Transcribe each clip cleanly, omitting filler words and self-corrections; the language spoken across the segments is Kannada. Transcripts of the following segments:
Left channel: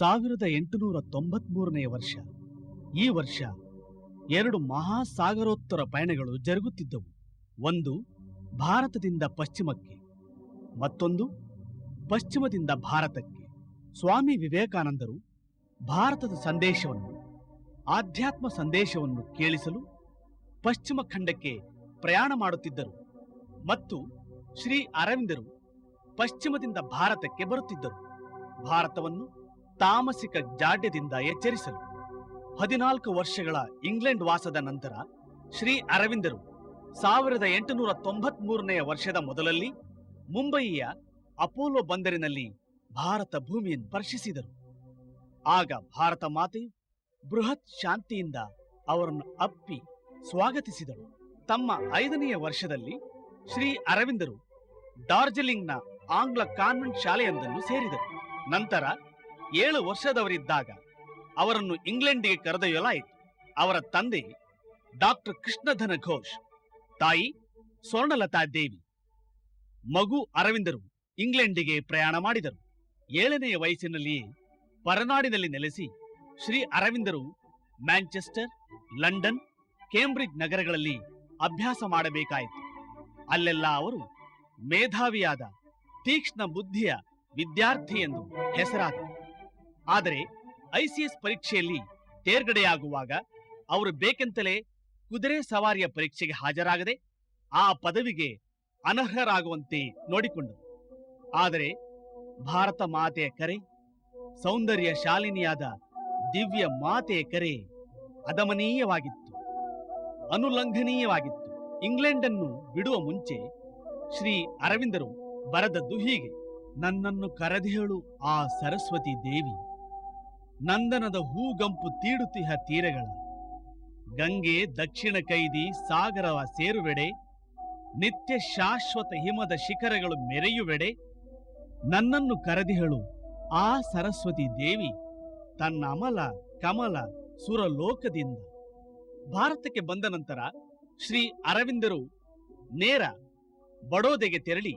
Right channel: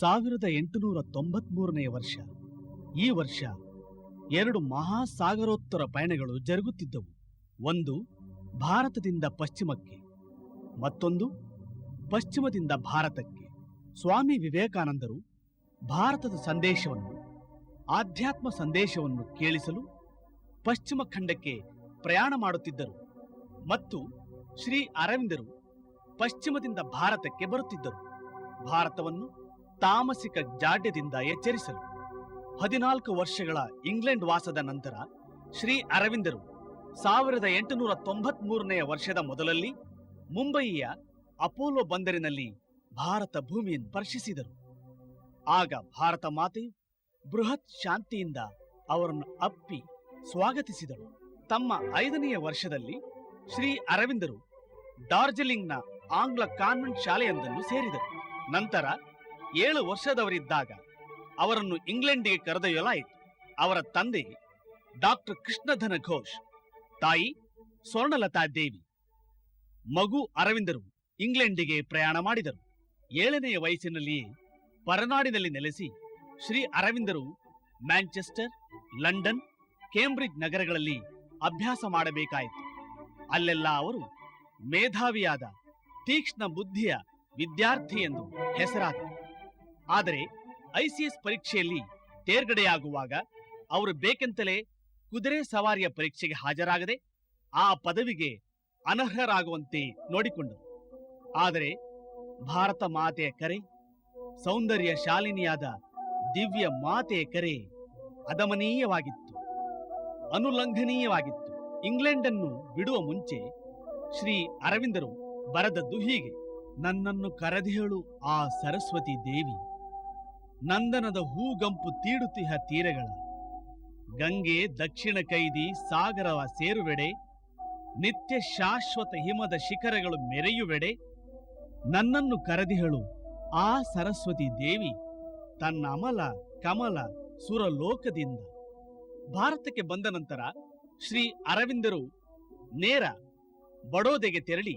1893ನೇ ವರ್ಷ. ಈ ವರ್ಷ 2 ಮಹಾಸಾಗರೋತ್ತರ ಪಯಣಗಳು ಜರುಗುತ್ತಿದ್ದವು. ಒಂದು ಭಾರತದಿಂದ ಪಶ್ಚಿಮಕ್ಕೆ, ಮತ್ತೊಂದು ಪಶ್ಚಿಮದಿಂದ ಭಾರತಕ್ಕೆ. ಸ್ವಾಮಿ ವಿವೇಕಾನಂದರು ಭಾರತದ ಸಂದೇಶವನ್ನು, ಆಧ್ಯಾತ್ಮ ಸಂದೇಶವನ್ನು ಕೇಳಿಸಲು ಪಶ್ಚಿಮ ಖಂಡಕ್ಕೆ ಪ್ರಯಾಣ ಮಾಡುತ್ತಿದ್ದರು ಮತ್ತು ಶ್ರೀ ಅರವಿಂದರು ಪಶ್ಚಿಮದಿಂದ ಭಾರತಕ್ಕೆ ಬರುತ್ತಿದ್ದರು, ಭಾರತವನ್ನು ತಾಮಸಿಕ ಜಾಡ್ಯದಿಂದ ಎಚ್ಚರಿಸಲು. 14 ವರ್ಷಗಳ ಇಂಗ್ಲೆಂಡ್ ವಾಸದ ನಂತರ ಶ್ರೀ ಅರವಿಂದರು 1893ನೇ ವರ್ಷದ ಮೊದಲಲ್ಲಿ ಮುಂಬಯಿಯ ಅಪೋಲೋ ಬಂದರಿನಲ್ಲಿ ಭಾರತ ಭೂಮಿಯನ್ನು ಸ್ಪರ್ಶಿಸಿದರು. ಆಗ ಭಾರತ ಮಾತೆಯು ಬೃಹತ್ ಶಾಂತಿಯಿಂದ ಅವರನ್ನು ಅಪ್ಪಿ ಸ್ವಾಗತಿಸಿದಳು. ತಮ್ಮ 5ನೆಯ ವರ್ಷದಲ್ಲಿ ಶ್ರೀ ಅರವಿಂದರು ಡಾರ್ಜಿಲಿಂಗ್ನ ಆಂಗ್ಲ ಕಾನ್ವೆಂಟ್ ಶಾಲೆಯೊಂದನ್ನು ಸೇರಿದರು. ನಂತರ 7 ವರ್ಷದವರಿದ್ದಾಗ ಅವರನ್ನು ಇಂಗ್ಲೆಂಡಿಗೆ ಕರೆದೊಯ್ಯಲಾಯಿತು. ಅವರ ತಂದೆ ಡಾಕ್ಟರ್ ಕೃಷ್ಣಧನ ಘೋಷ್, ತಾಯಿ ಸ್ವರ್ಣಲತಾ ದೇವಿ. ಮಗು ಅರವಿಂದರು ಇಂಗ್ಲೆಂಡಿಗೆ ಪ್ರಯಾಣ ಮಾಡಿದರು. 7ನೆಯ ವಯಸ್ಸಿನಲ್ಲಿಯೇ ಪರನಾಡಿನಲ್ಲಿ ನೆಲೆಸಿ ಶ್ರೀ ಅರವಿಂದರು ಮ್ಯಾಂಚೆಸ್ಟರ್, ಲಂಡನ್, ಕೇಂಬ್ರಿಡ್ಜ್ ನಗರಗಳಲ್ಲಿ ಅಭ್ಯಾಸ ಮಾಡಬೇಕಾಯಿತು. ಅಲ್ಲೆಲ್ಲ ಅವರು ಮೇಧಾವಿಯಾದ ತೀಕ್ಷ್ಣ ಬುದ್ಧಿಯ ವಿದ್ಯಾರ್ಥಿ ಎಂದು ಹೆಸರಾದರು. ಆದರೆ ಐಸಿಎಸ್ ಪರೀಕ್ಷೆಯಲ್ಲಿ ತೇರ್ಗಡೆಯಾಗುವಾಗ ಅವರು ಬೇಕೆಂತಲೇ ಕುದುರೆ ಸವಾರಿಯ ಪರೀಕ್ಷೆಗೆ ಹಾಜರಾಗದೆ ಆ ಪದವಿಗೆ ಅನರ್ಹರಾಗುವಂತೆ ನೋಡಿಕೊಂಡರು. ಆದರೆ ಭಾರತ ಮಾತೆಯ ಕರೆ, ಸೌಂದರ್ಯ ಶಾಲಿನಿಯಾದ ದಿವ್ಯ ಮಾತೆಯ ಕರೆ ಅದಮನೀಯವಾಗಿತ್ತು, ಅನುಲಂಘನೀಯವಾಗಿತ್ತು. ಇಂಗ್ಲೆಂಡನ್ನು ಬಿಡುವ ಮುಂಚೆ ಶ್ರೀ ಅರವಿಂದರು ಬರೆದದ್ದು ಹೀಗೆ: ನನ್ನನ್ನು ಕರೆದೇಳು ಆ ಸರಸ್ವತಿ ದೇವಿ, ನಂದನದ ಹೂಗಂಪು ತೀಡುತ್ತಿಹ ತೀರಗಳ, ಗಂಗೆ ದಕ್ಷಿಣ ಕೈದಿ ಸಾಗರವ ಸೇರುವೆಡೆ, ನಿತ್ಯ ಶಾಶ್ವತ ಹಿಮದ ಶಿಖರಗಳು ಮೆರೆಯುವೆಡೆ. ನನ್ನನ್ನು ಕರೆದಿಹಳು ಆ ಸರಸ್ವತಿ ದೇವಿ, ತನ್ನ ಅಮಲ ಕಮಲ ಸುರಲೋಕದಿಂದ. ಭಾರತಕ್ಕೆ ಬಂದ ನಂತರ ಶ್ರೀ ಅರವಿಂದರು ನೇರ ಬಡೋದೆಗೆ ತೆರಳಿ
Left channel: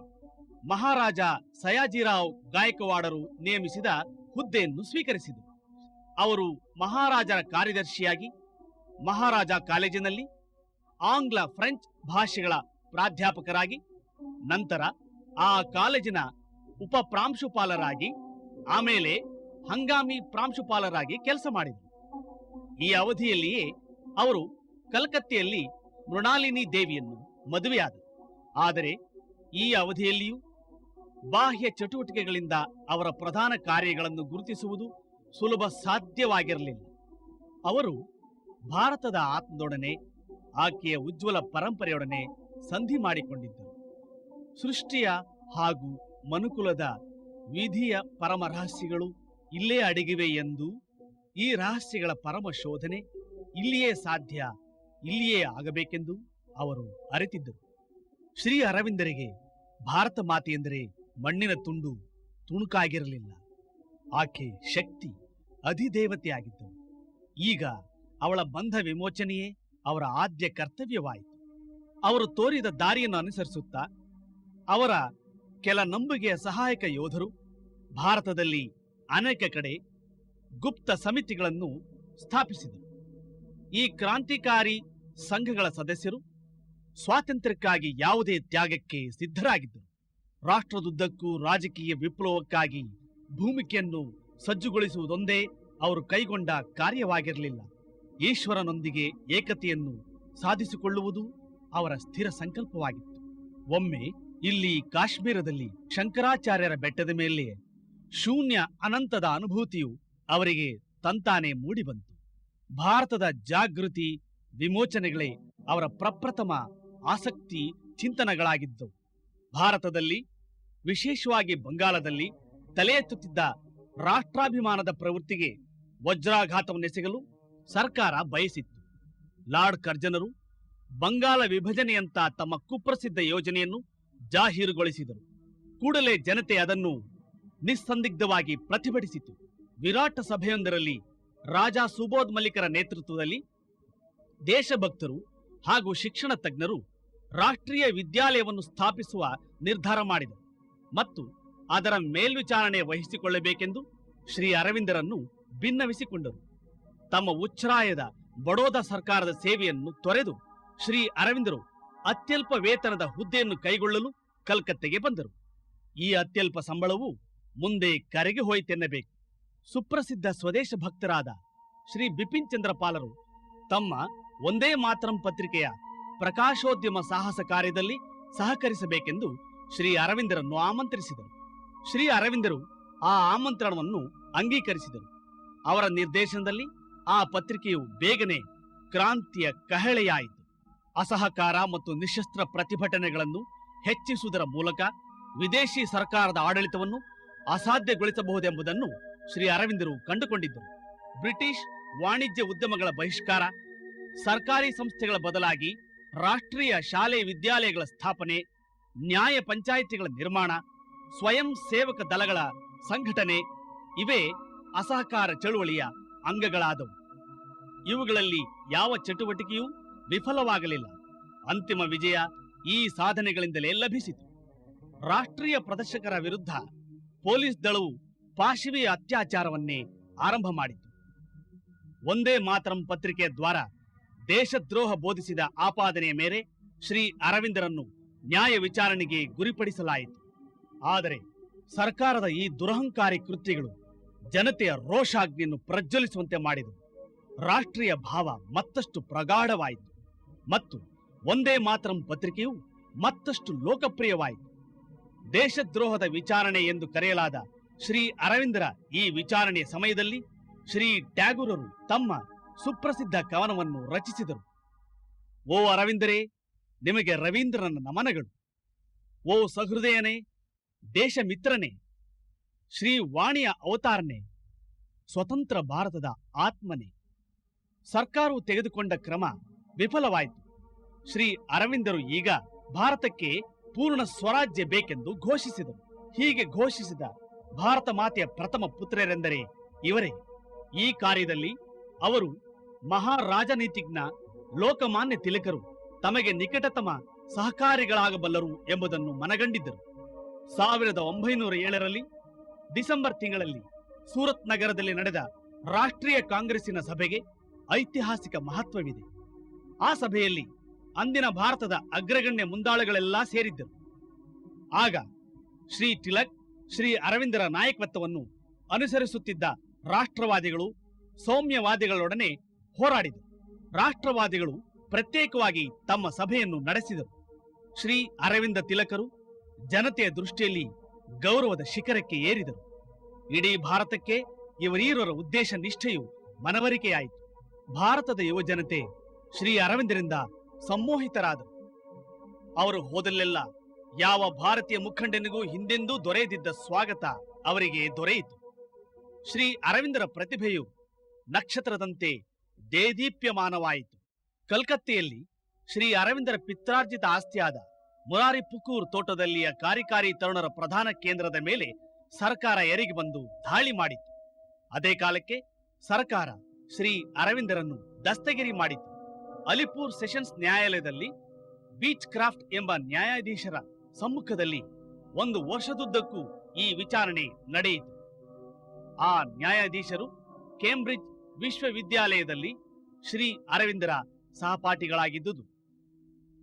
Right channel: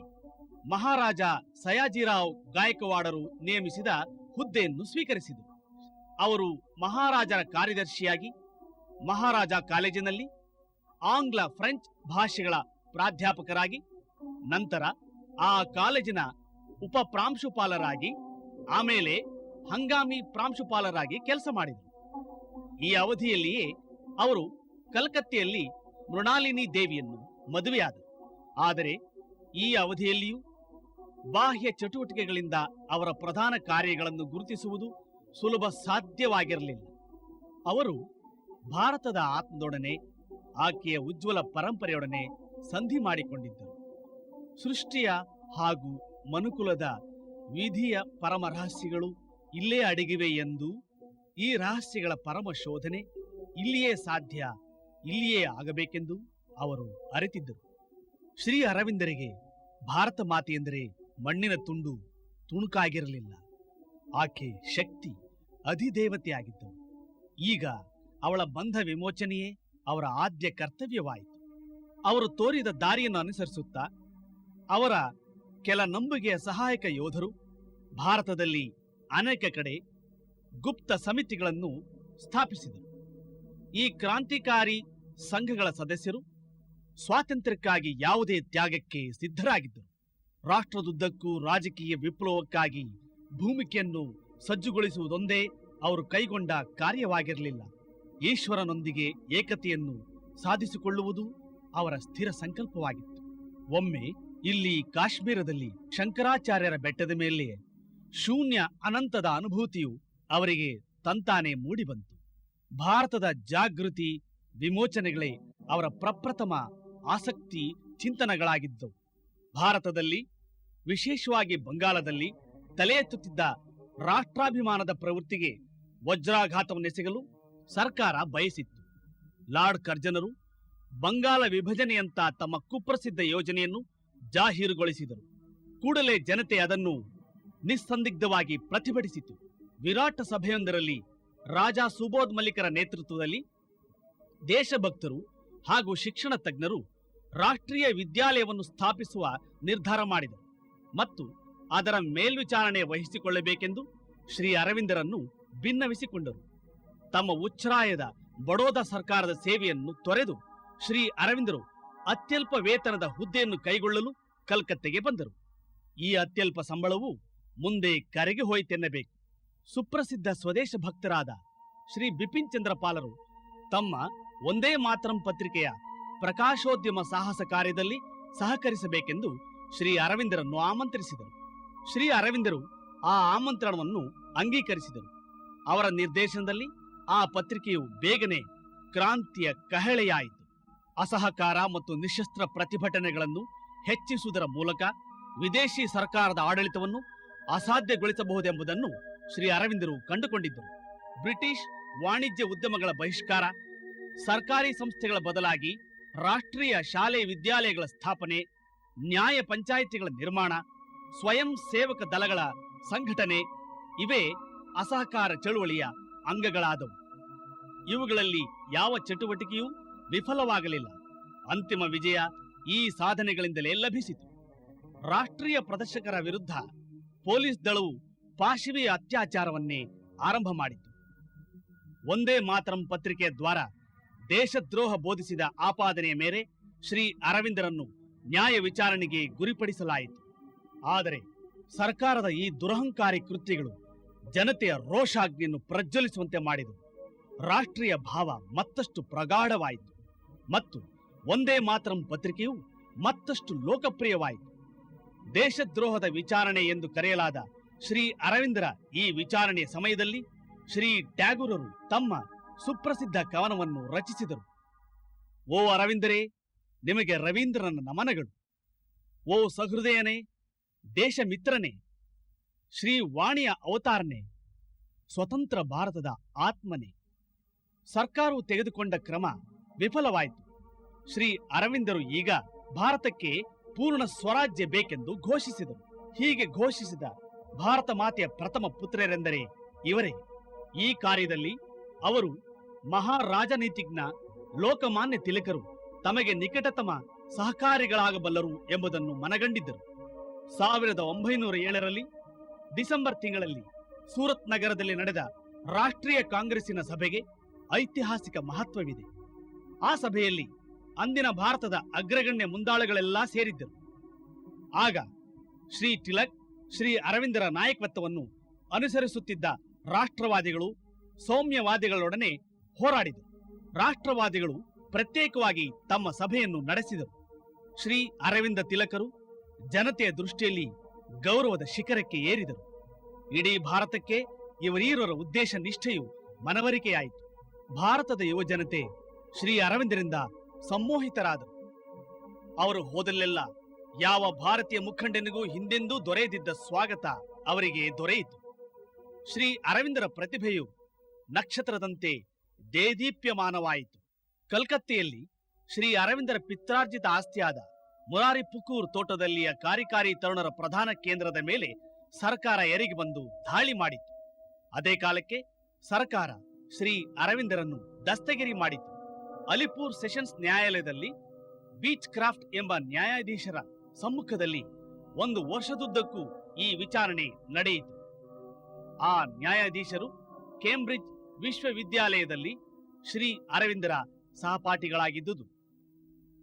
ಮಹಾರಾಜ ಸಯಾಜಿರಾವ್ ಗಾಯಕ್ವಾಡರು ನೇಮಿಸಿದ ಹುದ್ದೆಯನ್ನು ಸ್ವೀಕರಿಸಿದರು. ಅವರು ಮಹಾರಾಜರ ಕಾರ್ಯದರ್ಶಿಯಾಗಿ ಮಹಾರಾಜ ಕಾಲೇಜಿನಲ್ಲಿ ಆಂಗ್ಲ ಫ್ರೆಂಚ್ ಭಾಷೆಗಳ ಪ್ರಾಧ್ಯಾಪಕರಾಗಿ, ನಂತರ ಆ ಕಾಲೇಜಿನ ಉಪ ಪ್ರಾಂಶುಪಾಲರಾಗಿ, ಆಮೇಲೆ ಹಂಗಾಮಿ ಪ್ರಾಂಶುಪಾಲರಾಗಿ ಕೆಲಸ ಮಾಡಿದರು. ಈ ಅವಧಿಯಲ್ಲಿಯೇ ಅವರು ಕಲ್ಕತ್ತೆಯಲ್ಲಿ ಮೃಣಾಲಿನಿ ದೇವಿಯನ್ನು ಮದುವೆಯಾದರು. ಆದರೆ ಈ ಅವಧಿಯಲ್ಲಿಯೂ ಬಾಹ್ಯ ಚಟುವಟಿಕೆಗಳಿಂದ ಅವರ ಪ್ರಧಾನ ಕಾರ್ಯಗಳನ್ನು ಗುರುತಿಸುವುದು ಸುಲಭ ಸಾಧ್ಯವಾಗಿರಲಿಲ್ಲ. ಅವರು ಭಾರತದ ಆತ್ಮದೊಡನೆ, ಆಕೆಯ ಉಜ್ವಲ ಪರಂಪರೆಯೊಡನೆ ಸಂಧಿ ಮಾಡಿಕೊಂಡಿದ್ದರು. ಸೃಷ್ಟಿಯ ಹಾಗೂ ಮನುಕುಲದ ವಿಧಿಯ ಪರಮ ರಹಸ್ಯಗಳು ಇಲ್ಲೇ ಅಡಗಿವೆ ಎಂದು, ಈ ರಹಸ್ಯಗಳ ಪರಮ ಶೋಧನೆ ಇಲ್ಲಿಯೇ ಸಾಧ್ಯ, ಇಲ್ಲಿಯೇ ಆಗಬೇಕೆಂದು ಅವರು ಅರಿತಿದ್ದರು. ಶ್ರೀ ಅರವಿಂದರಿಗೆ ಭಾರತ ಮಾತೆ ಎಂದರೆ ಮಣ್ಣಿನ ತುಂಡು ತುಣುಕಾಗಿರಲಿಲ್ಲ. ಆಕೆ ಶಕ್ತಿ, ಅಧಿದೇವತೆಯಾಗಿದ್ದಳು. ಈಗ ಅವಳ ಬಂಧ ವಿಮೋಚನೆಯೇ ಅವರ ಆದ್ಯ ಕರ್ತವ್ಯವಾಯಿತು. ಅವರು ತೋರಿದ ದಾರಿಯನ್ನು ಅನುಸರಿಸುತ್ತಾ ಅವರ ಕೆಲ ನಂಬುಗೆಯ ಸಹಾಯಕ ಯೋಧರು ಭಾರತದಲ್ಲಿ ಅನೇಕ ಕಡೆ ಗುಪ್ತ ಸಮಿತಿಗಳನ್ನು ಸ್ಥಾಪಿಸಿದರು. ಈ ಕ್ರಾಂತಿಕಾರಿ ಸಂಘಗಳ ಸದಸ್ಯರು ಸ್ವಾತಂತ್ರ್ಯಕ್ಕಾಗಿ ಯಾವುದೇ ತ್ಯಾಗಕ್ಕೆ ಸಿದ್ಧರಾಗಿದ್ದರು. ರಾಷ್ಟ್ರದುದ್ದಕ್ಕೂ ರಾಜಕೀಯ ವಿಪ್ಲವಕ್ಕಾಗಿ ಭೂಮಿಕೆಯನ್ನು ಸಜ್ಜುಗೊಳಿಸುವುದೊಂದೇ ಅವರು ಕೈಗೊಂಡ ಕಾರ್ಯವಾಗಿರಲಿಲ್ಲ. ಈಶ್ವರನೊಂದಿಗೆ ಏಕತೆಯನ್ನು ಸಾಧಿಸಿಕೊಳ್ಳುವುದು ಅವರ ಸ್ಥಿರ ಸಂಕಲ್ಪವಾಗಿತ್ತು. ಒಮ್ಮೆ ಇಲ್ಲಿ ಕಾಶ್ಮೀರದಲ್ಲಿ ಶಂಕರಾಚಾರ್ಯರ ಬೆಟ್ಟದ ಮೇಲೆ ಶೂನ್ಯ ಅನಂತದ ಅನುಭೂತಿಯು ಅವರಿಗೆ ತಂತಾನೆ ಮೂಡಿಬಂತು. ಭಾರತದ ಜಾಗೃತಿ ವಿಮೋಚನೆಗಳೇ ಅವರ ಪ್ರಪ್ರಥಮ ಆಸಕ್ತಿ ಚಿಂತನೆಗಳಾಗಿದ್ದವು. ಭಾರತದಲ್ಲಿ, ವಿಶೇಷವಾಗಿ ಬಂಗಾಳದಲ್ಲಿ ತಲೆ ಎತ್ತುತ್ತಿದ್ದ ರಾಷ್ಟ್ರಾಭಿಮಾನದ ಪ್ರವೃತ್ತಿಗೆ ವಜ್ರಾಘಾತವನ್ನೆಸಗಲು ಸರ್ಕಾರ ಬಯಸಿತ್ತು. ಲಾರ್ಡ್ ಕರ್ಜನರು ಬಂಗಾಳ ವಿಭಜನೆಯಂತ ತಮ್ಮ ಕುಪ್ರಸಿದ್ಧ ಯೋಜನೆಯನ್ನು ಜಾಹೀರುಗೊಳಿಸಿದರು. ಕೂಡಲೇ ಜನತೆ ಅದನ್ನು ನಿಸ್ಸಂದಿಗ್ಧವಾಗಿ ಪ್ರತಿಭಟಿಸಿತು. ವಿರಾಟ ಸಭೆಯೊಂದರಲ್ಲಿ ರಾಜಾ ಸುಬೋಧ್ ಮಲಿಕರ ನೇತೃತ್ವದಲ್ಲಿ ದೇಶಭಕ್ತರು ಹಾಗೂ ಶಿಕ್ಷಣ ತಜ್ಞರು ರಾಷ್ಟ್ರೀಯ ವಿದ್ಯಾಲಯವನ್ನು ಸ್ಥಾಪಿಸುವ ನಿರ್ಧಾರ ಮಾಡಿದರು ಮತ್ತು ಅದರ ಮೇಲ್ವಿಚಾರಣೆ ವಹಿಸಿಕೊಳ್ಳಬೇಕೆಂದು ಶ್ರೀ ಅರವಿಂದರನ್ನು ಭಿನ್ನವಿಸಿಕೊಂಡರು. ತಮ್ಮ ಉಚ್ಛ್ರಾಯದ ಬಡೋದ ಸರ್ಕಾರದ ಸೇವೆಯನ್ನು ತೊರೆದು ಶ್ರೀ ಅರವಿಂದರು ಅತ್ಯಲ್ಪ ವೇತನದ ಹುದ್ದೆಯನ್ನು ಕೈಗೊಳ್ಳಲು ಕಲ್ಕತ್ತೆಗೆ ಬಂದರು. ಈ ಅತ್ಯಲ್ಪ ಸಂಬಳವು ಮುಂದೆ ಕರೆಗೆ ಹೋಯಿತೆನ್ನಬೇಕು. ಸುಪ್ರಸಿದ್ಧ ಸ್ವದೇಶ ಭಕ್ತರಾದ ಶ್ರೀ ಬಿಪಿನ್ ಚಂದ್ರ ಪಾಲರು ತಮ್ಮ ಒಂದೇ ಮಾತರಂ ಪತ್ರಿಕೆಯ ಪ್ರಕಾಶೋದ್ಯಮ ಸಾಹಸ ಕಾರ್ಯದಲ್ಲಿ ಸಹಕರಿಸಬೇಕೆಂದು ಶ್ರೀ ಅರವಿಂದರನ್ನು ಆಮಂತ್ರಿಸಿದರು. ಶ್ರೀ ಅರವಿಂದರು ಆ ಆಮಂತ್ರಣವನ್ನು ಅಂಗೀಕರಿಸಿದರು. ಅವರ ನಿರ್ದೇಶನದಲ್ಲಿ ಆ ಪತ್ರಿಕೆಯು ಬೇಗನೆ ಕ್ರಾಂತಿಯ ಕಹಳೆಯಾಯಿತು. ಅಸಹಕಾರ ಮತ್ತು ನಿಶಸ್ತ್ರ ಪ್ರತಿಭಟನೆಗಳನ್ನು ಹೆಚ್ಚಿಸುವುದರ ಮೂಲಕ ವಿದೇಶಿ ಸರ್ಕಾರದ ಆಡಳಿತವನ್ನು ಅಸಾಧ್ಯಗೊಳಿಸಬಹುದೆಂಬುದನ್ನು ಶ್ರೀ ಅರವಿಂದರು ಕಂಡುಕೊಂಡಿದ್ದರು. ಬ್ರಿಟಿಷ್ ವಾಣಿಜ್ಯ ಉದ್ಯಮಗಳ ಬಹಿಷ್ಕಾರ, ಸರ್ಕಾರಿ ಸಂಸ್ಥೆಗಳ ಬದಲಾಗಿ ರಾಷ್ಟ್ರೀಯ ಶಾಲೆ ವಿದ್ಯಾಲಯಗಳ ಸ್ಥಾಪನೆ, ನ್ಯಾಯ ಪಂಚಾಯಿತಿಗಳ ನಿರ್ಮಾಣ, ಸ್ವಯಂ ಸೇವಕ ದಳಗಳ ಸಂಘಟನೆ ಇವೇ ಅಸಹಕಾರ ಚಳುವಳಿಯ ಅಂಗಗಳಾದವು. ಇವುಗಳಲ್ಲಿ ಯಾವ ಚಟುವಟಿಕೆಯೂ ವಿಫಲವಾಗಲಿಲ್ಲ. ಅಂತಿಮ ವಿಜಯ ಈ ಸಾಧನೆಗಳಿಂದಲೇ ಲಭಿಸಿತು. ರಾಷ್ಟ್ರೀಯ ಪ್ರದರ್ಶಕರ ವಿರುದ್ಧ ಪೊಲೀಸ್ ದಳವು ಪಾಶವಿಯ ಅತ್ಯಾಚಾರವನ್ನೇ ಆರಂಭ ಮಾಡಿತು. ಒಂದೇ ಮಾತರಂ ಪತ್ರಿಕೆಯ ದ್ವಾರ ದೇಶದ್ರೋಹ ಬೋಧಿಸಿದ ಆಪಾದನೆಯ ಮೇಲೆ ಶ್ರೀ ಅರವಿಂದರನ್ನು ನ್ಯಾಯ ವಿಚಾರಣೆಗೆ ಗುರಿಪಡಿಸಲಾಯಿತು. ಆದರೆ ಸರ್ಕಾರದ ಈ ದುರಹಂಕಾರಿ ಕೃತ್ಯಗಳು ಜನತೆಯ ರೋಷಾಗ್ನಿಯನ್ನು ಪ್ರಜ್ವಲಿಸುವಂತೆ ಮಾಡಿದವು. ರಾಷ್ಟ್ರೀಯ ಭಾವ ಮತ್ತಷ್ಟು ಪ್ರಗಾಢವಾಯಿತು ಮತ್ತು ಒಂದೇ ಮಾತರಂ ಪತ್ರಿಕೆಯು ಮತ್ತಷ್ಟು ಲೋಕಪ್ರಿಯವಾಯಿತು. ದೇಶದ್ರೋಹದ ವಿಚಾರಣೆ ಎಂದು ಕರೆಯಲಾದ ಶ್ರೀ ಅರವಿಂದರ ಈ ವಿಚಾರಣೆಯ ಸಮಯದಲ್ಲಿ ಶ್ರೀ ಟ್ಯಾಗೂರರು ತಮ್ಮ ಸುಪ್ರಸಿದ್ಧ ಕವನವನ್ನು ರಚಿಸಿದರು. ಓ ಅರವಿಂದರೇ, ನಿಮಗೆ ರವೀಂದ್ರನ ನಮನಗಳು. ಓ ಸಹೃದಯನೇ, ದೇಶ ಮಿತ್ರನೇ, ಶ್ರೀ ವಾಣಿಯ ಅವತಾರನೆ, ಸ್ವತಂತ್ರ ಭಾರತದ ಆತ್ಮನೆ. ಸರ್ಕಾರವು ತೆಗೆದುಕೊಂಡ ಕ್ರಮ ವಿಫಲವಾಯಿತು. ಶ್ರೀ ಅರವಿಂದರು ಈಗ ಭಾರತಕ್ಕೆ ಪೂರ್ಣ ಸ್ವರಾಜ್ಯ ಬೇಕೆಂದು ಘೋಷಿಸಿದರು. ಹೀಗೆ ಘೋಷಿಸಿದ ಭಾರತ ಮಾತೆಯ ಪ್ರಥಮ ಪುತ್ರರೆಂದರೆ ಇವರೇ. ಈ ಕಾರ್ಯದಲ್ಲಿ ಅವರು ಮಹಾರಾಜನೀತಿಜ್ಞ ಲೋಕಮಾನ್ಯ ತಿಲಕರು ತಮಗೆ ನಿಕಟತಮ ಸಹಕಾರಿಗಳಾಗಬಲ್ಲರು ಎಂಬುದನ್ನು ಮನಗಂಡಿದ್ದರು. 1907ರಲ್ಲಿ ಡಿಸೆಂಬರ್ ತಿಂಗಳಲ್ಲಿ ಸೂರತ್ ನಗರದಲ್ಲಿ ನಡೆದ ರಾಷ್ಟ್ರೀಯ ಕಾಂಗ್ರೆಸ್ಸಿನ ಸಭೆಗೆ ಐತಿಹಾಸಿಕ ಮಹತ್ವವಿದೆ. ಆ ಸಭೆಯಲ್ಲಿ ಅಂದಿನ ಭಾರತದ ಅಗ್ರಗಣ್ಯ ಮುಂದಾಳುಗಳೆಲ್ಲ ಸೇರಿದ್ದರು. ಆಗ ಶ್ರೀ ತಿಲಕ್ ಶ್ರೀ ಅರವಿಂದರ ನಾಯಕತ್ವವನ್ನು ಅನುಸರಿಸುತ್ತಿದ್ದ ರಾಷ್ಟ್ರವಾದಿಗಳು ಸೌಮ್ಯವಾದಿಗಳೊಡನೆ ಹೋರಾಡಿದರು. ರಾಷ್ಟ್ರವಾದಿಗಳು ಪ್ರತ್ಯೇಕವಾಗಿ ತಮ್ಮ ಸಭೆಯನ್ನು ನಡೆಸಿದರು. ಶ್ರೀ ಅರವಿಂದ ತಿಲಕರು ಜನತೆಯ ದೃಷ್ಟಿಯಲ್ಲಿ ಗೌರವದ ಶಿಖರಕ್ಕೆ ಏರಿದರು. ಇಡೀ ಭಾರತಕ್ಕೆ ಇವರೀರರ ಉದ್ದೇಶ ನಿಷ್ಠೆಯು ಮನವರಿಕೆಯಾಯಿತು. ಭಾರತದ ಯುವ ಜನತೆ ಶ್ರೀ ಅರವಿಂದರಿಂದ ಸಂಮೋಹಿತರಾದರು. ಅವರು ಹೋದಲ್ಲೆಲ್ಲ ಯಾವ ಭಾರತೀಯ ಮುಖಂಡನಿಗೂ ಹಿಂದೆಂದೂ ದೊರೆಯದಿದ್ದ ಸ್ವಾಗತ ಅವರಿಗೆ ದೊರೆಯಿತು. ಶ್ರೀ ಅರವಿಂದರ ಪ್ರತಿಭೆಯು ನಕ್ಷತ್ರದಂತೆ ದೇದೀಪ್ಯಮಾನವಾಯಿತು. ಕಲ್ಕತ್ತೆಯಲ್ಲಿ ಶ್ರೀ ಅರವಿಂದರ ಪಿತ್ರಾರ್ಜಿತ ಆಸ್ತಿಯಾದ ಮುರಾರಿ ಪುಕೂರ್ ತೋಟದಲ್ಲಿಯ ಕಾರ್ಯಕಾರಿ ತರುಣರ ಪ್ರಧಾನ ಕೇಂದ್ರದ ಮೇಲೆ ಸರ್ಕಾರ ಎರಗಿ ಬಂದು ದಾಳಿ ಮಾಡಿತು. ಅದೇ ಕಾಲಕ್ಕೆ ಸರ್ಕಾರ ಶ್ರೀ ಅರವಿಂದರನ್ನು ದಸ್ತಗಿರಿ ಮಾಡಿತು. ಅಲಿಪುರ್ ಸೆಷನ್ಸ್ ನ್ಯಾಯಾಲಯದಲ್ಲಿ ಬೀಚ್ ಕ್ರಾಫ್ಟ್ ಎಂಬ ನ್ಯಾಯಾಧೀಶರ ಸಮ್ಮುಖದಲ್ಲಿ 1 ವರ್ಷದುದ್ದಕ್ಕೂ ಈ ವಿಚಾರಣೆ ನಡೆಯಿತು. ಆ ನ್ಯಾಯಾಧೀಶರು ಕೇಂಬ್ರಿಡ್ಜ್ ವಿಶ್ವವಿದ್ಯಾಲಯದಲ್ಲಿ ಶ್ರೀ ಅರವಿಂದರ ಸಹಪಾಠಿಗಳಾಗಿದ್ದುದು.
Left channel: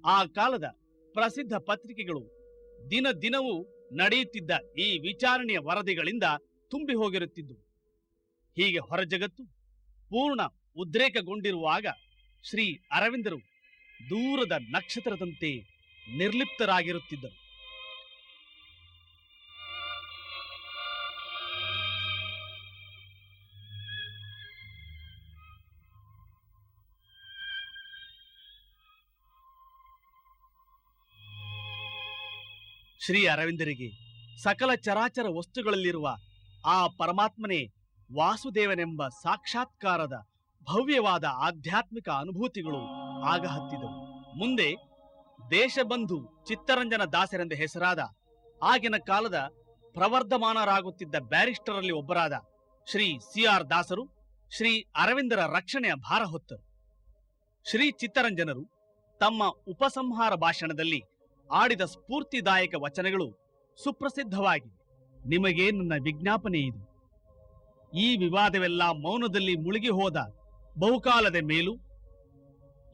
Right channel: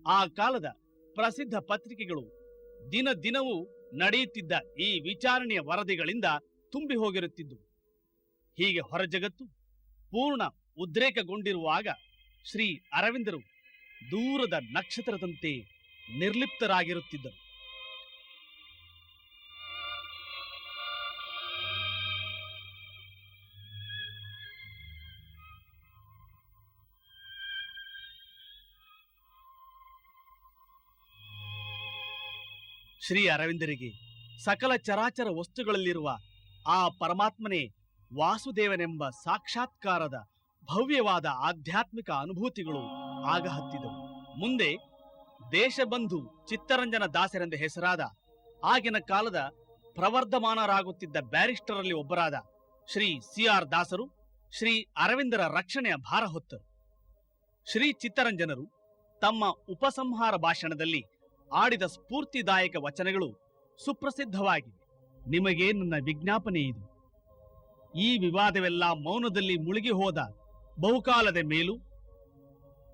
ಆ ಕಾಲದ ಪ್ರಸಿದ್ಧ ಪತ್ರಿಕೆಗಳು ದಿನ ದಿನವೂ ನಡೆಯುತ್ತಿದ್ದ ಈ ವಿಚಾರಣೆಯ ವರದಿಗಳಿಂದ ತುಂಬಿ ಹೋಗಿರುತ್ತಿದ್ದು. ಹೀಗೆ ಹೊರ ಜಗತ್ತು ಪೂರ್ಣ ಉದ್ರೇಕಗೊಂಡಿರುವಾಗ ಶ್ರೀ ಅರವಿಂದರು ದೂರದ ನಕ್ಷತ್ರದಂತೆ ನಿರ್ಲಿಪ್ತರಾಗಿರುತ್ತಿದ್ದರು. ಶ್ರೀ ಅರವಿಂದರಿಗೆ ಸಕಲ ಚರಾಚರ ವಸ್ತುಗಳಲ್ಲಿರುವ ಆ ಪರಮಾತ್ಮನೇ ವಾಸುದೇವನೆಂಬ ಸಾಕ್ಷಾತ್ಕಾರದ ಭವ್ಯವಾದ ಆಧ್ಯಾತ್ಮಿಕ ಅನುಭೂತಿಗಳು ಆಗ ಹತ್ತಿದವು. ಮುಂದೆ ದೇಶಬಂಧು ಚಿತ್ತರಂಜನ ದಾಸರೆಂದು ಹೆಸರಾದ ಆಗಿನ ಕಾಲದ ಪ್ರವರ್ಧಮಾನರಾಗುತ್ತಿದ್ದ ಬ್ಯಾರಿಸ್ಟರಲ್ಲಿ ಒಬ್ಬರಾದ ಶ್ರೀ CR ದಾಸರು ಶ್ರೀ ಅರವಿಂದರ ರಕ್ಷಣೆಯ ಭಾರ ಹೊತ್ತರು. ಶ್ರೀ ಚಿತ್ತರಂಜನರು ತಮ್ಮ ಉಪಸಂಹಾರ ಭಾಷಣದಲ್ಲಿ ಆಡಿದ ಸ್ಫೂರ್ತಿದಾಯಕ ವಚನಗಳು ಸುಪ್ರಸಿದ್ಧವಾಗಿವೆ. ನಿಮಗೆ ನನ್ನ ವಿಜ್ಞಾಪನೆ ಇದು. ಈ ವಿವಾದವೆಲ್ಲ ಮೌನದಲ್ಲಿ ಮುಳುಗಿ ಹೋದ ಬಹುಕಾಲದ ಮೇಲೂ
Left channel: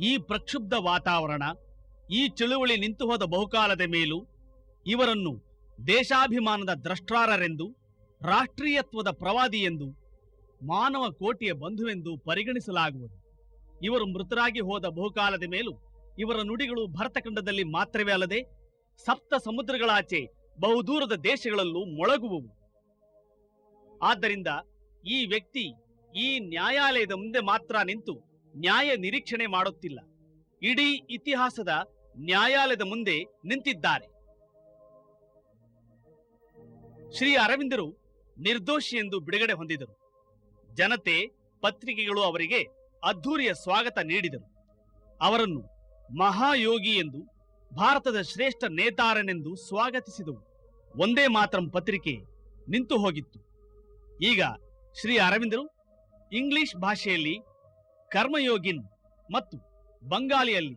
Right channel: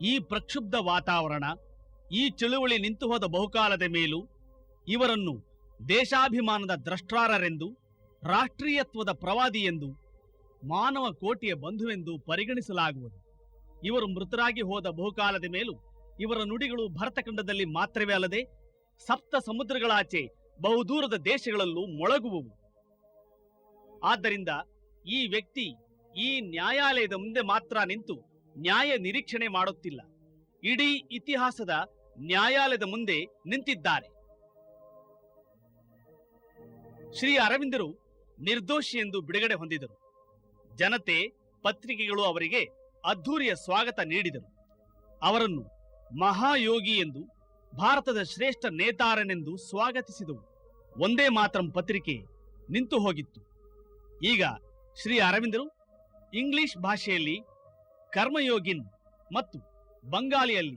ಈ ಪ್ರಕ್ಷುಬ್ಧ ವಾತಾವರಣ, ಈ ಚಳುವಳಿ ನಿಂತು ಹೋದ ಬಹುಕಾಲದ ಮೇಲೂ ಇವರನ್ನು ದೇಶಾಭಿಮಾನದ ದ್ರಷ್ಟಾರರೆಂದು, ರಾಷ್ಟ್ರೀಯತ್ವದ ಪ್ರವಾದಿ ಎಂದು, ಮಾನವ ಕೋಟಿಯ ಬಂಧುವೆಂದು ಪರಿಗಣಿಸಲಾಗುವುದು. ಇವರು ಮೃತರಾಗಿ ಹೋದ ಬಹುಕಾಲದ ಮೇಲೂ ಇವರ ನುಡಿಗಳು ಭರತಖಂಡದಲ್ಲಿ ಮಾತ್ರವೇ ಅಲ್ಲದೆ ಸಪ್ತ ಸಮುದ್ರಗಳಾಚೆ ಬಹುದೂರದ ದೇಶಗಳಲ್ಲೂ ಮೊಳಗುವುವು. ಆದ್ದರಿಂದ ಈ ವ್ಯಕ್ತಿ ಈ ನ್ಯಾಯಾಲಯದ ಮುಂದೆ ಮಾತ್ರ ನಿಂತು ನ್ಯಾಯ ನಿರೀಕ್ಷಣೆ ಮಾಡುತ್ತಿಲ್ಲ, ಇಡೀ ಇತಿಹಾಸದ ನ್ಯಾಯಾಲಯದ ಮುಂದೆ ನಿಂತಿದ್ದಾರೆ. ಶ್ರೀ ಅರವಿಂದರು ನಿರ್ದೋಷಿ ಎಂದು ಬಿಡುಗಡೆ ಹೊಂದಿದರು. ಜನತೆ, ಪತ್ರಿಕೆಗಳು ಅವರಿಗೆ ಅದ್ಧೂರಿಯ ಸ್ವಾಗತ ನೀಡಿದರು. ಅವರನ್ನು ಮಹಾಯೋಗಿ ಎಂದು, ಭಾರತದ ಶ್ರೇಷ್ಠ ನೇತಾರನೆಂದು ಸ್ವಾಗತಿಸಿದವು. ಒಂದೇ ಮಾತರಂ ಪತ್ರಿಕೆ ನಿಂತು ಹೋಗಿತ್ತು. ಈಗ ಶ್ರೀ ಅರವಿಂದರು ಇಂಗ್ಲಿಷ್ ಭಾಷೆಯಲ್ಲಿ ಕರ್ಮಯೋಗಿನ್ ಮತ್ತು ಬಂಗಾಲಿಯಲ್ಲಿ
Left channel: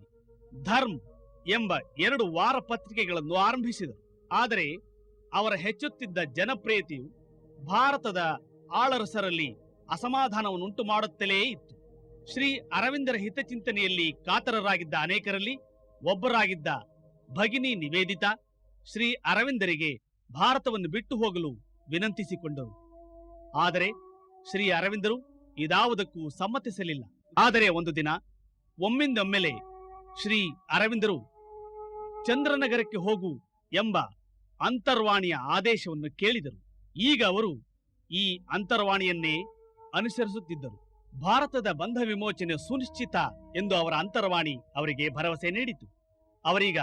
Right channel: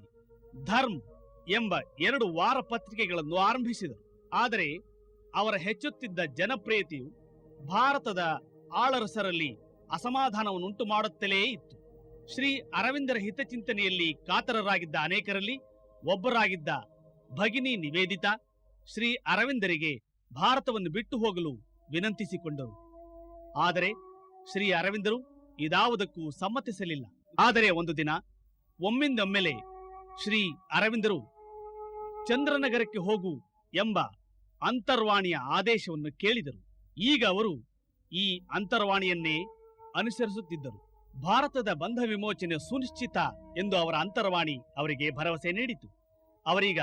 ಧರ್ಮ್ ಎಂಬ 2 ವಾರ ಪತ್ರಿಕೆಗಳನ್ನು ಆರಂಭಿಸಿದರು. ಆದರೆ ಅವರ ಹೆಚ್ಚುತ್ತಿದ್ದ ಜನಪ್ರಿಯತೆಯು ಭಾರತದ ಆಳರಸರಲ್ಲಿ ಅಸಮಾಧಾನವನ್ನುಂಟು ಮಾಡುತ್ತಲೇ ಇತ್ತು. ಶ್ರೀ ಅರವಿಂದರ ಹಿತಚಿಂತನೆಯಲ್ಲಿ ಕಾತರರಾಗಿದ್ದ ಅನೇಕರಲ್ಲಿ ಒಬ್ಬರಾಗಿದ್ದ ಭಗಿನಿ ನಿವೇದಿತಾ ಶ್ರೀ ಅರವಿಂದರಿಗೆ ಭಾರತವನ್ನು ಬಿಟ್ಟು ಹೋಗಲು ವಿನಂತಿಸಿಕೊಂಡರು. ಆದರೆ ಶ್ರೀ ಅರವಿಂದರು ಇದಾವುದಕ್ಕೂ ಸಮ್ಮತಿಸಲಿಲ್ಲ. ಆದರೆ ಒಂದು ದಿನ ಒಮ್ಮಿಂದೊಮ್ಮೆಲೆ ಶ್ರೀ ಅರವಿಂದರು ಚಂದ್ರನಗರಕ್ಕೆ ಹೋಗು ಎಂಬ ಅಂತರ್ವಾಣಿಯ ಆದೇಶವನ್ನು ಕೇಳಿದರು. ಈಗ ಅವರು ಈ ಅಂತರ್ವಾಣಿಯನ್ನೇ ಅನುಸರಿಸುತ್ತಿದ್ದರು. ಭಾರತದ ಬಂಧ ವಿಮೋಚನೆ ಸುನಿಶ್ಚಿತ ಎಂದು ಅವರ ಅಂತರ್ವಾಣಿ ಅವರಿಗೆ ಭರವಸೆ ನೀಡಿತು. ಅವರೀಗ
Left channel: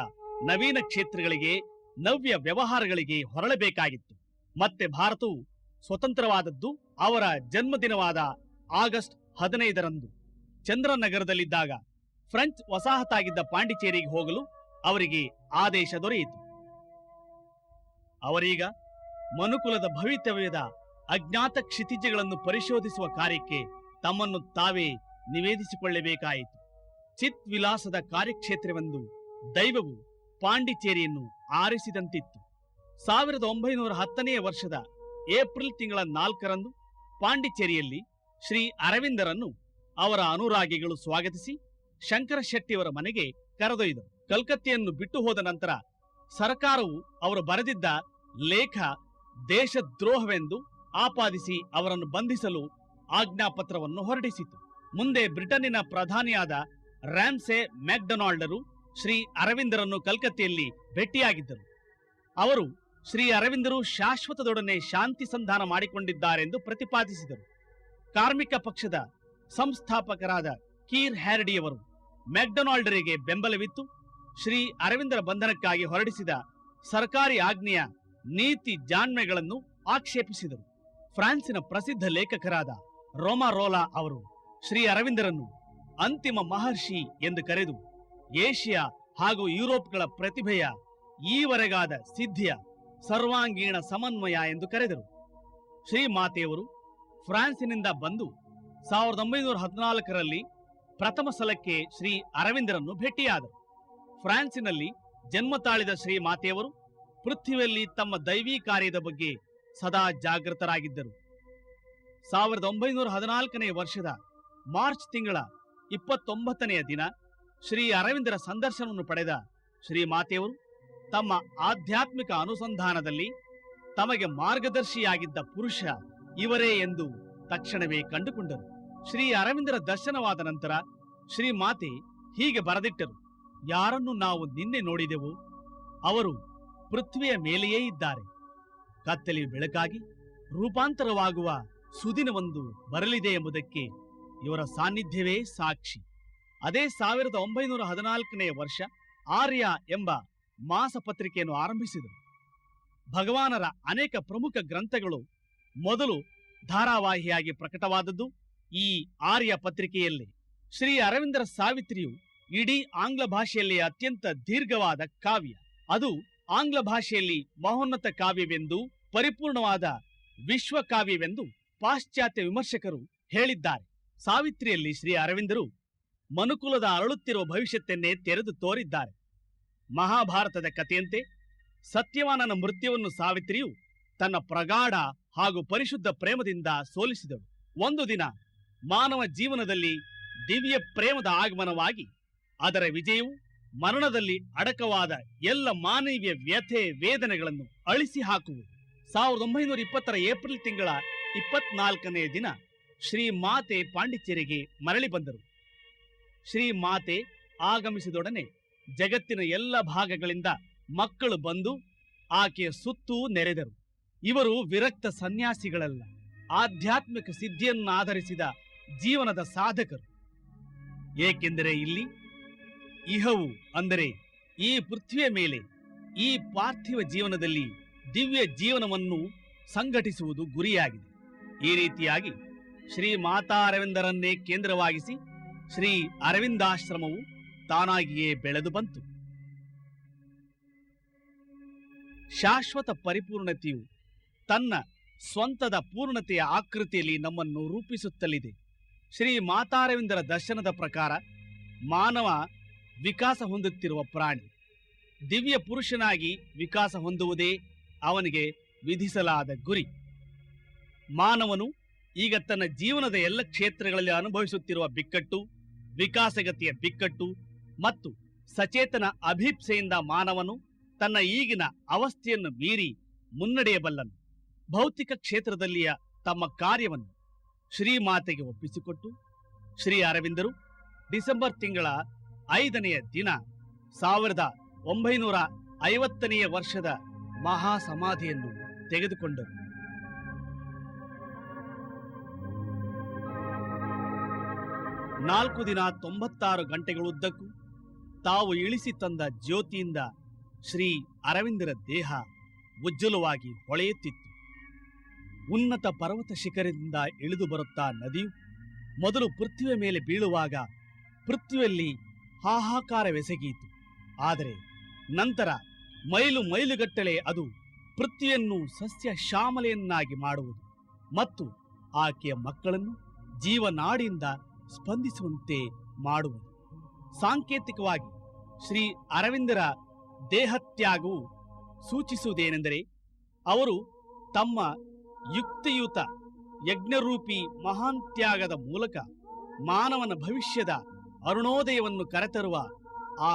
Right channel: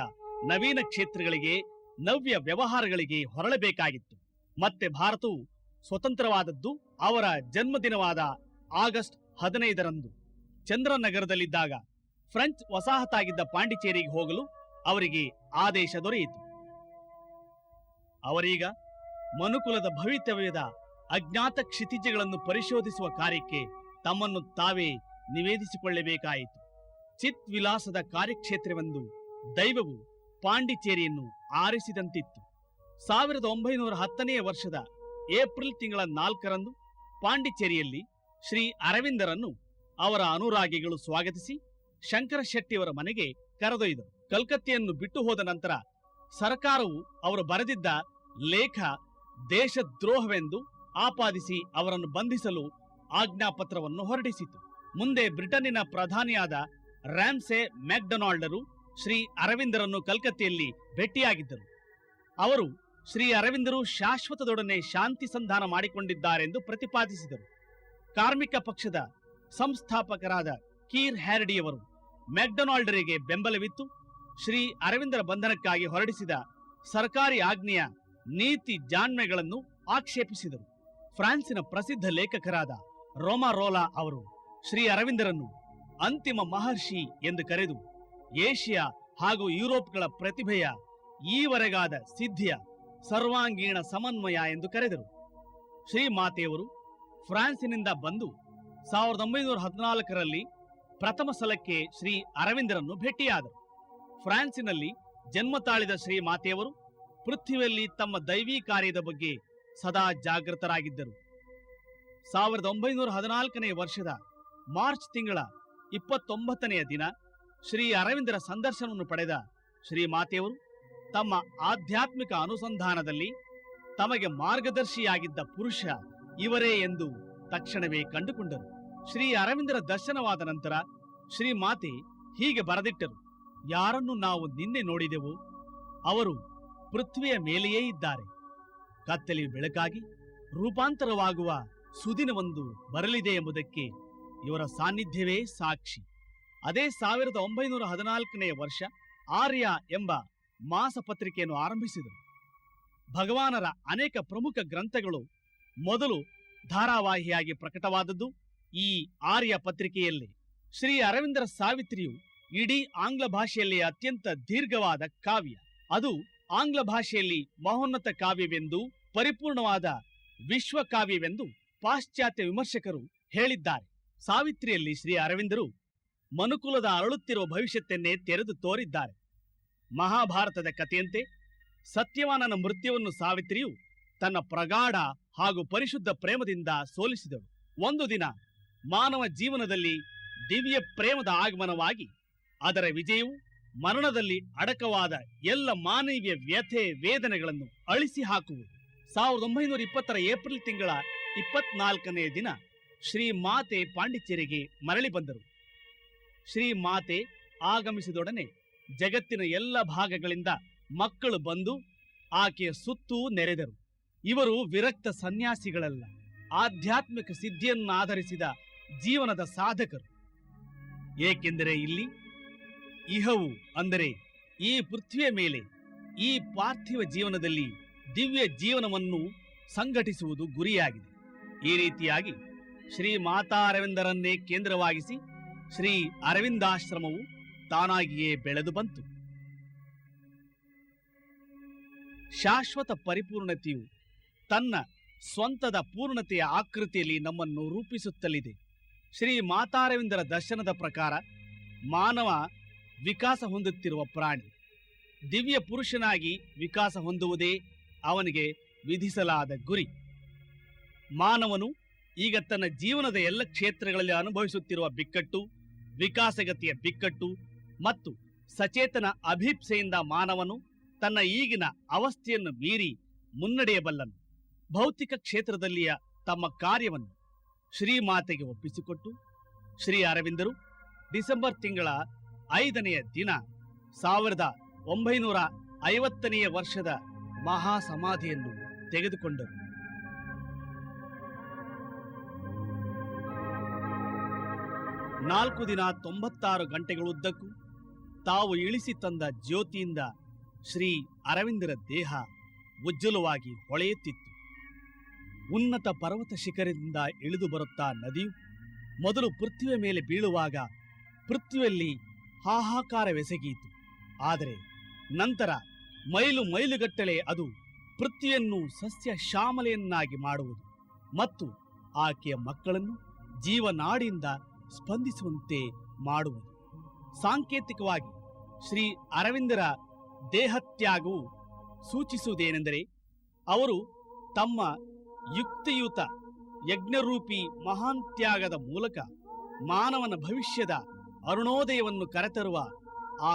ನವೀನ ಕ್ಷೇತ್ರಗಳಿಗೆ, ನವ್ಯ ವ್ಯವಹಾರಗಳಿಗೆ ಹೊರಳಬೇಕಾಗಿತ್ತು. ಮತ್ತೆ ಭಾರತವು ಸ್ವತಂತ್ರವಾದದ್ದು ಅವರ ಜನ್ಮದಿನವಾದ ಆಗಸ್ಟ್ 15ರಂದು. ಚಂದ್ರನಗರದಲ್ಲಿದ್ದಾಗ ಫ್ರೆಂಚ್ ವಸಾಹತಾಗಿದ್ದ ಪಾಂಡಿಚೇರಿಗೆ ಹೋಗಲು ಅವರಿಗೆ ಆದೇಶ ದೊರೆಯಿತು. ಅವರೀಗ ಮನುಕುಲದ ಭವಿತವ್ಯದ ಅಜ್ಞಾತ ಕ್ಷಿತಿಜಗಳನ್ನು ಪರಿಶೋಧಿಸುವ ಕಾರ್ಯಕ್ಕೆ ತಮ್ಮನ್ನು ತಾವೇ ನಿವೇದಿಸಿಕೊಳ್ಳಬೇಕಾಯಿತು. ಚಿತ್ ವಿಲಾಸದ ಕಾರ್ಯಕ್ಷೇತ್ರವೆಂದು ದೈವವು ಪಾಂಡಿಚೇರಿಯನ್ನು ಆರಿಸಿದಂತಿತ್ತು. 1910ನೇ ವರ್ಷದ ಏಪ್ರಿಲ್ ತಿಂಗಳ 4ರಂದು ಪಾಂಡಿಚೇರಿಯಲ್ಲಿ ಶ್ರೀ ಅರವಿಂದರನ್ನು ಅವರ ಅನುರಾಗಿಗಳು ಸ್ವಾಗತಿಸಿ ಶಂಕರ ಶೆಟ್ಟಿಯವರ ಮನೆಗೆ ಕರೆದೊಯ್ದರು. ಕಲ್ಕತ್ತೆಯನ್ನು ಬಿಟ್ಟು ಹೋದ ನಂತರ ಸರ್ಕಾರವು ಅವರು ಬರೆದಿದ್ದ ಲೇಖ ದೇಶದ್ರೋಹವೆಂದು ಆಪಾದಿಸಿ ಅವರನ್ನು ಬಂಧಿಸಲು ಆಜ್ಞಾಪತ್ರವನ್ನು ಹೊರಡಿಸಿತು. ಮುಂದೆ ಬ್ರಿಟನ್ನಿನ ಪ್ರಧಾನಿಯಾದ ರ್ಯಾಮ್ಸೆ ಮ್ಯಾಕ್ಡೊನಾಲ್ಡರು ಶ್ರೀ ಅರವಿಂದರನ್ನು ಕಲ್ಕತ್ತೆಯಲ್ಲಿ ಭೇಟಿಯಾಗಿದ್ದರು. ಅವರು ಶ್ರೀ ಅರವಿಂದರು ಶಾಶ್ವತದೊಡನೆ ಶಾಂತಿ ಸಂಧಾನ ಮಾಡಿಕೊಂಡಿದ್ದಾರೆಂದು ಪ್ರತಿಪಾದಿಸಿದರು. ಕಾರ್ಮಿಕ ಪಕ್ಷದ ಸಂಸ್ಥಾಪಕರಾದ ಕೀರ್ ಹ್ಯಾರಡಿಯವರು ಮ್ಯಾಕ್ಡೊನಾಲ್ಡರಿಗೆ ಬೆಂಬಲವಿತ್ತು ಶ್ರೀ ಅರವಿಂದರ ಬಂಧನಕ್ಕಾಗಿ ಹೊರಡಿಸಿದ ಸರ್ಕಾರಿ ಆಜ್ಞೆಯ ನೀತಿ ಜಾಣ್ಮೆಗಳನ್ನು ಆಕ್ಷೇಪಿಸಿದರು. ಫ್ರಾನ್ಸಿನ ಪ್ರಸಿದ್ಧ ಲೇಖಕರಾದ ರೋಮಾರೋಲಾ ಅವರು ಶ್ರೀ ಅರವಿಂದರನ್ನು ಅಂತಿಮ ಮಹರ್ಷಿ ಎಂದು ಕರೆದು ಏಷ್ಯಾ ಹಾಗೂ ಯುರೋಪ್ಗಳ ಪ್ರತಿಭೆಯ ಈವರೆಗಾದ ಸಿದ್ಧಿಯ ಸರ್ವಾಂಗೀಣ ಸಮನ್ವಯ ಎಂದು ಕರೆದರು. ಶ್ರೀ ಮಾತೆಯವರು ಫ್ರಾನ್ಸಿನಿಂದ ಬಂದು 1914ರಲ್ಲಿ ಪ್ರಥಮ ಸಲಕ್ಕೆ ಶ್ರೀ ಅರವಿಂದರನ್ನು ಭೇಟಿಯಾದರು. ಫ್ರಾನ್ಸಿನಲ್ಲಿ ಜನ್ಮ ತಾಳಿದ ಶ್ರೀ ಮಾತೆಯವರು ಪೃಥ್ವಿಯಲ್ಲಿ ತಮ್ಮ ದೈವಿ ಕಾರ್ಯದ ಬಗ್ಗೆ ಸದಾ ಜಾಗೃತರಾಗಿದ್ದರು. 1914ನೇ ವರ್ಷದ ಮಾರ್ಚ್ ತಿಂಗಳ 29ನೆಯ ದಿನ ಶ್ರೀ ಅರವಿಂದರ ಸಂದರ್ಶನವನ್ನು ಪಡೆದ ಶ್ರೀ ಮಾತೆಯವರು ತಮ್ಮ ಆಧ್ಯಾತ್ಮಿಕ ಅನುಸಂಧಾನದಲ್ಲಿ ತಮಗೆ ಮಾರ್ಗದರ್ಶಿಯಾಗಿದ್ದ ಪುರುಷ ಇವರೇ ಎಂದು ತಕ್ಷಣವೇ ಕಂಡುಕೊಂಡರು. ಶ್ರೀ ಅರವಿಂದರ ದರ್ಶನವಾದ ನಂತರ ಶ್ರೀ ಮಾತೆ ಹೀಗೆ ಬರೆದಿಟ್ಟರು: ಯಾರನ್ನು ನಾವು ನಿನ್ನೆ ನೋಡಿದೆವು ಅವರು ಪೃಥ್ವಿಯ ಮೇಲೆಯೇ ಇದ್ದಾರೆ. ಕತ್ತಲೆಯು ಬೆಳಕಾಗಿ ರೂಪಾಂತರವಾಗುವ ಸುದಿನವೊಂದು ಬರಲಿದೆ ಎಂಬುದಕ್ಕೆ ಇವರ ಸಾನ್ನಿಧ್ಯವೇ ಸಾಕ್ಷಿ. ಅದೇ 1914ನೇ ವರ್ಷ ಆರ್ಯ ಎಂಬ ಮಾಸ ಪತ್ರಿಕೆಯನ್ನು ಆರಂಭಿಸಿದರು. ಭಗವಾನರ ಅನೇಕ ಪ್ರಮುಖ ಗ್ರಂಥಗಳು ಮೊದಲು ಧಾರಾವಾಹಿಯಾಗಿ ಪ್ರಕಟವಾದದ್ದು ಈ ಆರ್ಯ ಪತ್ರಿಕೆಯಲ್ಲಿ. ಶ್ರೀ ಅರವಿಂದರ ಸಾವಿತ್ರಿಯು ಇಡೀ ಆಂಗ್ಲ ಭಾಷೆಯಲ್ಲಿ ಅತ್ಯಂತ ದೀರ್ಘವಾದ ಕಾವ್ಯ. ಅದು ಆಂಗ್ಲ ಭಾಷೆಯಲ್ಲಿ ಮಹೋನ್ನತ ಕಾವ್ಯವೆಂದು, ಪರಿಪೂರ್ಣವಾದ ವಿಶ್ವ ಕಾವ್ಯವೆಂದು ಪಾಶ್ಚಾತ್ಯ ವಿಮರ್ಶಕರು ಹೇಳಿದ್ದಾರೆ. ಸಾವಿತ್ರಿಯಲ್ಲಿ ಶ್ರೀ ಅರವಿಂದರು ಮನುಕುಲದ ಅರಳುತ್ತಿರುವ ಭವಿಷ್ಯತ್ತನ್ನೇ ತೆರೆದು ತೋರಿದ್ದಾರೆ. ಮಹಾಭಾರತದ ಕಥೆಯಂತೆ ಸತ್ಯವಾನನ ಮೃತ್ಯುವನ್ನು ಸಾವಿತ್ರಿಯು ತನ್ನ ಪ್ರಗಾಢ ಹಾಗೂ ಪರಿಶುದ್ಧ ಪ್ರೇಮದಿಂದ ಸೋಲಿಸಿದಳು. ಒಂದು ದಿನ ಮಾನವ ಜೀವನದಲ್ಲಿ ದಿವ್ಯ ಪ್ರೇಮದ ಆಗಮನವಾಗಿ ಅದರ ವಿಜಯವು ಮರಣದಲ್ಲಿ ಅಡಕವಾದ ಎಲ್ಲ ಮಾನವೀಯ ವ್ಯಥೆ ವೇದನೆಗಳನ್ನು ಅಳಿಸಿ ಹಾಕುವುದು. 1920 ಏಪ್ರಿಲ್ ತಿಂಗಳ 24ನೇ ದಿನ ಶ್ರೀ ಮಾತೆ ಪಾಂಡಿಚೇರಿಗೆ ಮರಳಿ ಬಂದರು. ಶ್ರೀ ಮಾತೆ ಆಗಮಿಸಿದೊಡನೆ ಜಗತ್ತಿನ ಎಲ್ಲ ಭಾಗಗಳಿಂದ ಮಕ್ಕಳು ಬಂದು ಆಕೆಯ ಸುತ್ತೂ ನೆರೆದರು. ಇವರು ವಿರಕ್ತ ಸನ್ಯಾಸಿಗಳಲ್ಲ, ಆಧ್ಯಾತ್ಮಿಕ ಸಿದ್ಧಿಯನ್ನು ಆಧರಿಸಿದ ಜೀವನದ ಸಾಧಕರು. ಏಕೆಂದರೆ ಇಲ್ಲಿ ಇಹವು ಅಂದರೆ ಈ ಪೃಥ್ವಿಯ ಮೇಲೆ ಈ ಪಾರ್ಥಿವ ಜೀವನದಲ್ಲಿ ದಿವ್ಯ ಜೀವನವನ್ನು ಸಂಘಟಿಸುವುದು ಗುರಿಯಾಗಿದೆ. ಈ ರೀತಿಯಾಗಿ ಶ್ರೀ ಮಾತಾ ಅರವಿಂದರನ್ನೇ ಕೇಂದ್ರವಾಗಿಸಿ ಶ್ರೀ ಅರವಿಂದಾಶ್ರಮವು ತಾನಾಗಿಯೇ ಬೆಳೆದು ಬಂತು. ಶಾಶ್ವತ ಪರಿಪೂರ್ಣತೆಯು ತನ್ನ ಸ್ವಂತದ ಪೂರ್ಣತೆಯ ಆಕೃತಿಯಲ್ಲಿ ನಮ್ಮನ್ನು ರೂಪಿಸುತ್ತಲಿದೆ. ಶ್ರೀ ಮಾತಾರವಿಂದರ ದರ್ಶನದ ಪ್ರಕಾರ ಮಾನವ ವಿಕಾಸ ಹೊಂದುತ್ತಿರುವ ಪ್ರಾಣಿ. ದಿವ್ಯ ಪುರುಷನಾಗಿ ವಿಕಾಸ ಹೊಂದುವುದೇ ಅವನಿಗೆ ವಿಧಿಸಲಾದ ಗುರಿ. ಮಾನವನು ಈಗ ತನ್ನ ಜೀವನದ ಎಲ್ಲ ಕ್ಷೇತ್ರಗಳಲ್ಲಿ ಅನುಭವಿಸುತ್ತಿರುವ ಬಿಕ್ಕಟ್ಟು, ವಿಕಾಸಗತಿಯ ಬಿಕ್ಕಟ್ಟು ಮತ್ತು ಸಚೇತನ ಅಭಿಪ್ಸೆಯಿಂದ ಮಾನವನು ತನ್ನ ಈಗಿನ ಅವಸ್ಥೆಯನ್ನು ಮೀರಿ ಮುನ್ನಡೆಯಬಲ್ಲನು. ಭೌತಿಕ ಕ್ಷೇತ್ರದಲ್ಲಿಯ ತಮ್ಮ ಕಾರ್ಯವನ್ನು ಶ್ರೀಮಾತೆಗೆ ಒಪ್ಪಿಸಿಕೊಟ್ಟು ಶ್ರೀ ಅರವಿಂದರು ಡಿಸೆಂಬರ್ ತಿಂಗಳ 5ನೇ ದಿನ 1950ನೇ ವರ್ಷದ ಮಹಾ ಸಮಾಧಿಯನ್ನು ತೆಗೆದುಕೊಂಡರು. ನಾಲ್ಕು ದಿನ 96 ಗಂಟೆಗಳುದ್ದಕ್ಕೂ ತಾವು ಇಳಿಸಿ ತಂದ ಜ್ಯೋತಿಯಿಂದ ಶ್ರೀ ಅರವಿಂದರ ದೇಹ ಉಜ್ವಲವಾಗಿ ಹೊಳೆಯುತ್ತಿತ್ತು. ಉನ್ನತ ಪರ್ವತ ಶಿಖರದಿಂದ ಇಳಿದು ಬರುತ್ತಾ ನದಿಯು ಮೊದಲು ಪೃಥ್ವಿಯ ಮೇಲೆ ಬೀಳುವಾಗ ಪೃಥ್ವಿಯಲ್ಲಿ ಹಾಹಾಕಾರವೆಸಗೀತು. ಆದರೆ ನಂತರ ಮೈಲು ಮೈಲುಗಟ್ಟಲೆ ಅದು ಪೃಥ್ವಿಯನ್ನು ಸಸ್ಯ ಶ್ಯಾಮಲೆಯನ್ನಾಗಿ ಮಾಡುವುದು ಮತ್ತು ಆಕೆಯ ಮಕ್ಕಳನ್ನು ಜೀವನಾಡಿಯಿಂದ ಸ್ಪಂದಿಸುವಂತೆ ಮಾಡುವುದು. ಸಾಂಕೇತಿಕವಾಗಿ ಶ್ರೀ ಅರವಿಂದರ ದೇಹತ್ಯಾಗವು ಸೂಚಿಸುವುದೇನೆಂದರೆ ಅವರು ತಮ್ಮ ಯುಕ್ತಿಯುತ ಯಜ್ಞರೂಪಿ ಮಹಾನ್ ತ್ಯಾಗದ ಮೂಲಕ ಮಾನವನ ಭವಿಷ್ಯದ ಅರುಣೋದಯವನ್ನು ಕರೆತರುವ ಆ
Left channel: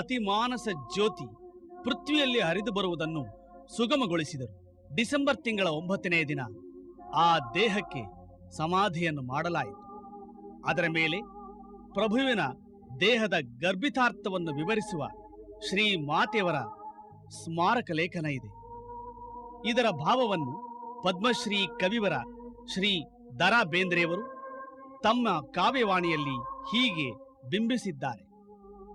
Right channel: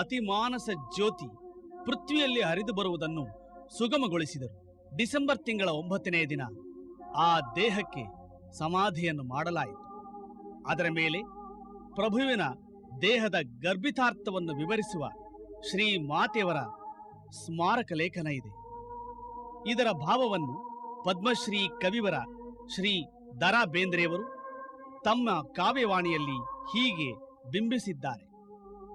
ಅತಿಮಾನಸ ಜ್ಯೋತಿ ಪೃಥ್ವಿಯಲ್ಲಿ ಹರಿದು ಬರುವುದನ್ನು ಸುಗಮಗೊಳಿಸಿದರು. ಡಿಸೆಂಬರ್ ತಿಂಗಳ 9ನೇ ದಿನ ಆ ದೇಹಕ್ಕೆ ಸಮಾಧಿಯನ್ನು ಮಾಡಲಾಯಿತು. ಅದರ ಮೇಲೆ ಪ್ರಭುವಿನ ದೇಹದ ಗರ್ಭಿತಾರ್ಥವನ್ನು ವಿವರಿಸುವ ಶ್ರೀ ಮಾತೆಯವರ ಸ್ಮಾರಕ ಲೇಖನ ಇದೆ. ಇದರ ಭಾವವನ್ನು ಪದ್ಮಶ್ರೀ ಕವಿವರ ಶ್ರೀ ದ.ರಾ. ಬೇಂದ್ರೆಯವರು ತಮ್ಮ ಕಾವ್ಯವಾಣಿಯಲ್ಲಿ ಹೀಗೆ ಬಿಂಬಿಸಿದ್ದಾರೆ.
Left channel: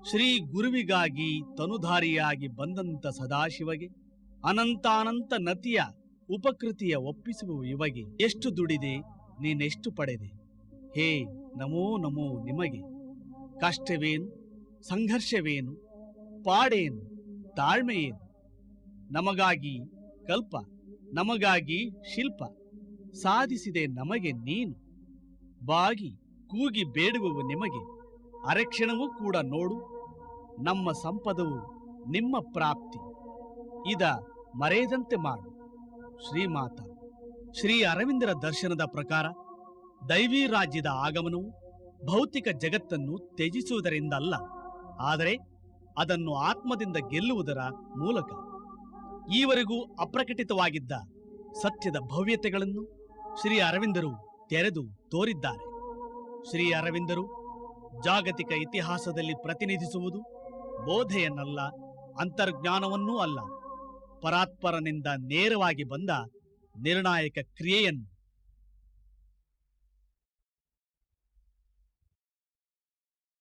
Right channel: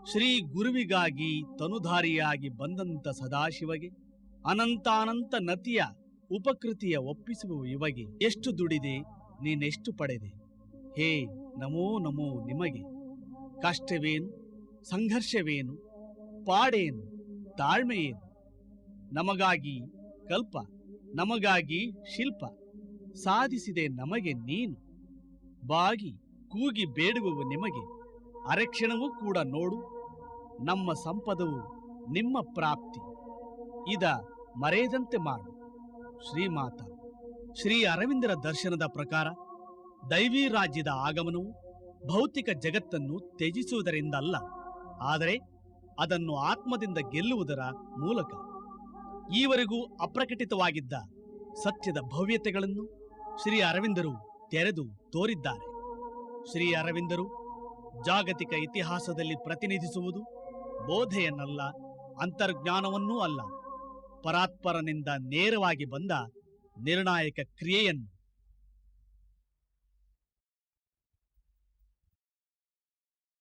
ಶ್ರೀ ಗುರುವಿಗಾಗಿ ತನುಧಾರಿಯಾಗಿ ಬಂದಂತ ಸದಾಶಿವಗೆ ಅನಂತಾನಂತ ನತಿಯ ಉಪಕೃತಿಯ ಒಪ್ಪಿಸುವ ಇವಗೆ ಎಷ್ಟು ದುಡಿದೆ ನೀನೆಷ್ಟು ಪಡೆದೆ, ಹೇ ನಮೋ ನಮೋ ನಿಮಗೆ. ಕಷ್ಟವೇನು, ಸಂಘರ್ಷವೇನು, ಪಾಡೇನು, ತಾಳ್ಮೆಯೇನು, ನಮಗಾಗಿ ಕಲ್ಪ, ನಮಗಾಗಿ ಶಿಲ್ಪ, ಸಾಧಿಸಿದೆ ನಮಗೆ ನೀನು. ಬಾಗಿ ಕೂಗಿ ಬೇಡುವವು ನಿಮಗೆ, ಅರಕ್ಷಣವೂ ಕೂಡ ನೋಡು, ನಮ್ಮ ಸಂಪದವು ನಿಮ್ಮ ಪ್ರಾಪ್ತಿ. ಇದ ಮರೆಯದಂತೆ ಮಾಡು ಶ್ರೀಮಾತ. ಶ್ರೀ ಅರವಿಂದರ ದರ್ಶನದ ಪ್ರಕಾರ ದೈವಿ ರಾಜ್ಯದ ಆಗಮನವು ಭೌತಿಕ ಜಗತ್ತನ್ನು ತ್ಯಜಿಸುವುದರಿಂದ ಅಲ್ಲ, ಆದರೆ ಅದನ್ನು ಆತ್ಮದಿಂದ ಗೆಲ್ಲುವುದರ ಮೂಲಕ. ಈವರೆಗೂ ಅಪ್ರಕಟಿತವಾಗಿದ್ದ ಸತ್ಯದ ಭವ್ಯತೆಗಳನ್ನು ಶ್ರೀ ಅರವಿಂದರು ತೆರೆದು ತೋರಿದ್ದಾರೆ. ಶ್ರೀ ಅರವಿಂದರು ಜಾಗತಿಕ ಇತಿಹಾಸದಲ್ಲಿ ಪ್ರತಿನಿಧಿಸುವುದು ಬೋಧೆಯನ್ನಲ್ಲ, ಅಂತರ್ಜ್ಞಾನವನ್ನೂ ಅಲ್ಲ, ಪರಾತ್ಪರನಿಂದ ನೇರವಾಗಿ ಬಂದ ನಿರ್ಣಾಯಕ ಕ್ರಿಯೆಯನ್ನು.